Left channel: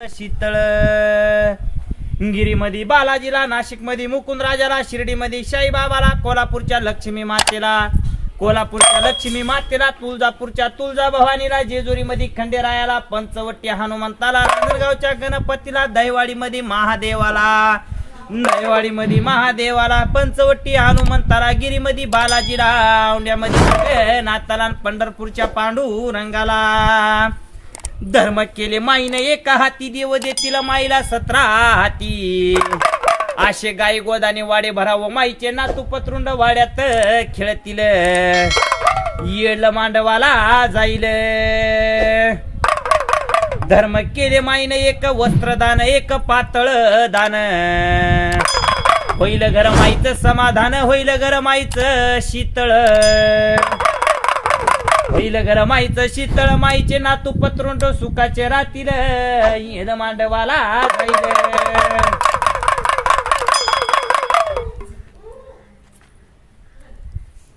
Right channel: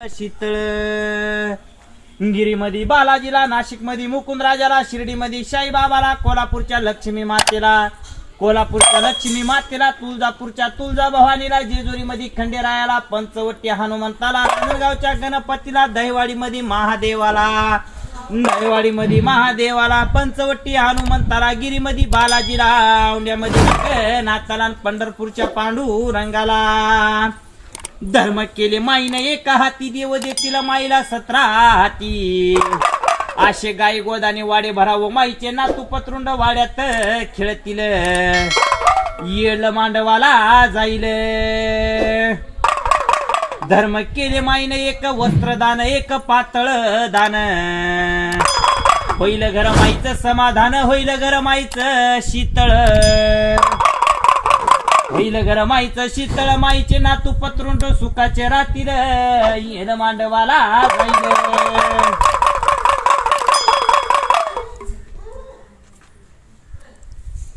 शीतळ गिरीमध्ये बालाजीला, नाशिकमध्ये मुकुंदराजाला, शिर्डीमध्ये साईबाबाला, कोल्हापूरच्या लक्ष्मी मातेला, तुळजापूरच्या तुळजाभवानीला, जेजुरीमध्ये खंडेरायाला, पंचवटी हनुमंताला, रांजणगावच्या गणपतीला, दहिवाडीमध्ये महादेवाला, पंचवटी हनुमंताला, गिरीमध्ये बालाजीला, औंढ्यामध्ये नाथाला, पंढरपूरच्या पांडुरंगाला. धर्म केले माईने एका हाती, देव देतील माईला 17 हाती. आशे गाई गोदाने वाडे भरावं, माईचे नातू पत्रुंड वाड्यात खेळतील, येळ मांडवाला जाईल. धर्म केले माईने एक वस्त्रदान, एक पातळ दान, होईल घर माईचं समाधान, होईल घर माईचं शीतळ, होईल घर माईचं शीतळ, माईचे नातू पत्रुंड सुखाचे राहतील, येण मांडवाला जाईल.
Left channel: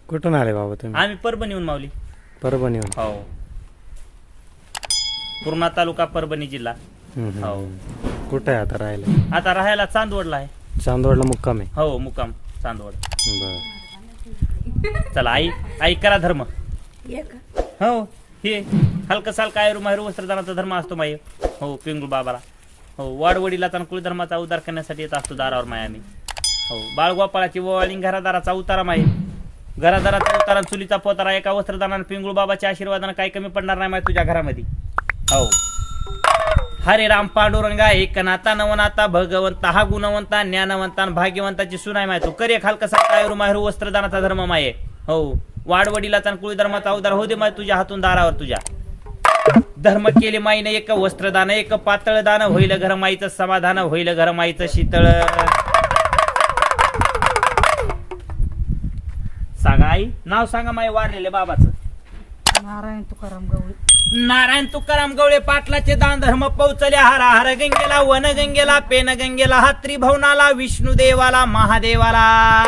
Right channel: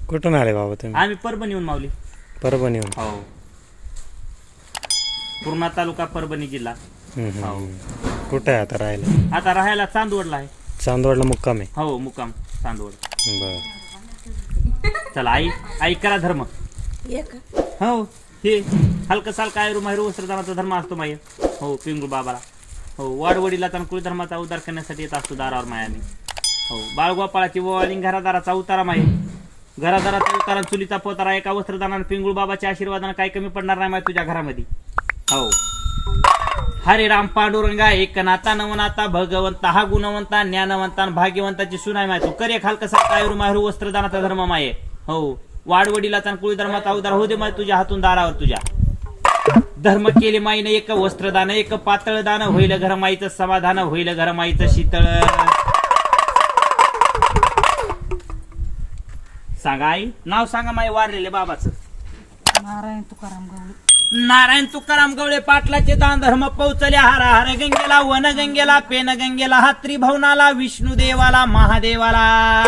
कुठून आले बाबा तुम्ही? आम्ही परभणीहून माऊली. परभणीहून? हो, पूर्णा तालुका, परभणी जिल्हा. हो. कुठे आहे आता राहायला? आता राहायला चांदवडला आहे. चांदवडला मुक्काम आहे? हो, मुक्काम चांदवड. बर. चला आई करा धर्म. हो, हे हलकं सालका आयरू माहेरू वस्त्रदानाचा धर्म असतो माय. हो, पिंगू बाबाला. हो, वाडवडीला कुळ धर्माचा उद्धार करण्यासाठी येत असतो दारावर मायाने. हो, बाळगोपाळाची ओवाळी, घरादाराचा उतारा माय. घरादाराचा उतारा, चुलीचा पोतारा, एका वस्त्रदानाने पिंगुळ बाबाच्या आशीर्वादाने काही कमी पडणार नाही माय तुझ्या घरामध्ये. हो, हरे राम पांडुरंगा, एक नाता नवनाता, भगवंता हा गुणवंता, ज्ञानवंता, भाग्यवंताची सुनाय माय. तू करे खालका सालका आयरू माहेरू वस्त्रदानाचा धर्म माये. हो, वाडवडीला कुळ धर्माचा उद्धार हो दे माय तुझ्या हातून दारावर तुझ्या. धर्म केले माईने एक वस्त्रदान, एक पातळ दान, होईल घर माईचं समाधान, होईल घर माईचं शीतळ. सांगा आई, नाव सांगा माई वारलेले बाबाचं. नारायण तुकाराम गवळी. नारायण तुकाराम गवळे पाटलाचे दान धर्म पोचले हर हर गंगेला, वन गंगेला, पेन गंगेला, हा त्रिभुवनाला, विष्णुदेवाला, महादेवाला.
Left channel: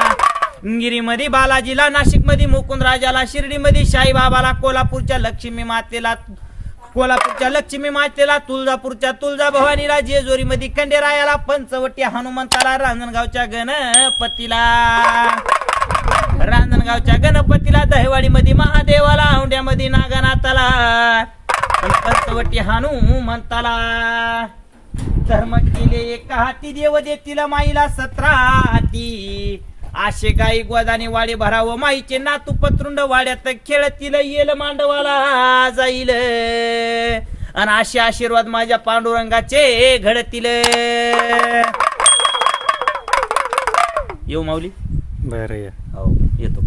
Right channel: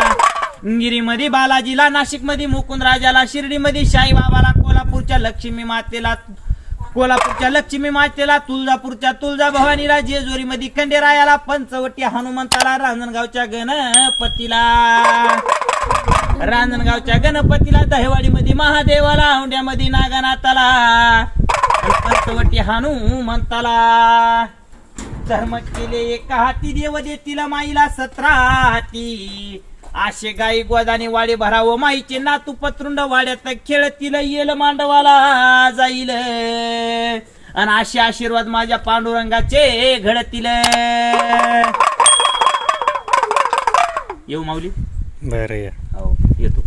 गिरीमध्ये बालाजीला, नाशिकमध्ये मुकुंदराजाला, शिर्डीमध्ये साईबाबाला, कोल्हापूरच्या लक्ष्मी मातेला, तुळजापूरच्या तुळजाभवानीला, जेजुरीमध्ये खंडेरायाला, पंचवटी हनुमंताला, रांजणगावच्या गणपतीला, दहिवाडीमध्ये महादेवाला, औंढ्यामध्ये नागनाथाला, पंचवटी हनुमंताला. धर्म केले एका हाती, देव देतील माईला 17 हाती. आशे गाई गोदाने वाडे भरावं, माईचे नातू पत्रुंड वाड्यात खेळतील, येल मांडवाला जाईल. आणि असे आशीर्वाद माझ्या पांडुरंगाचे घडतील. येऊ माऊली? बरं या. हो, येतो.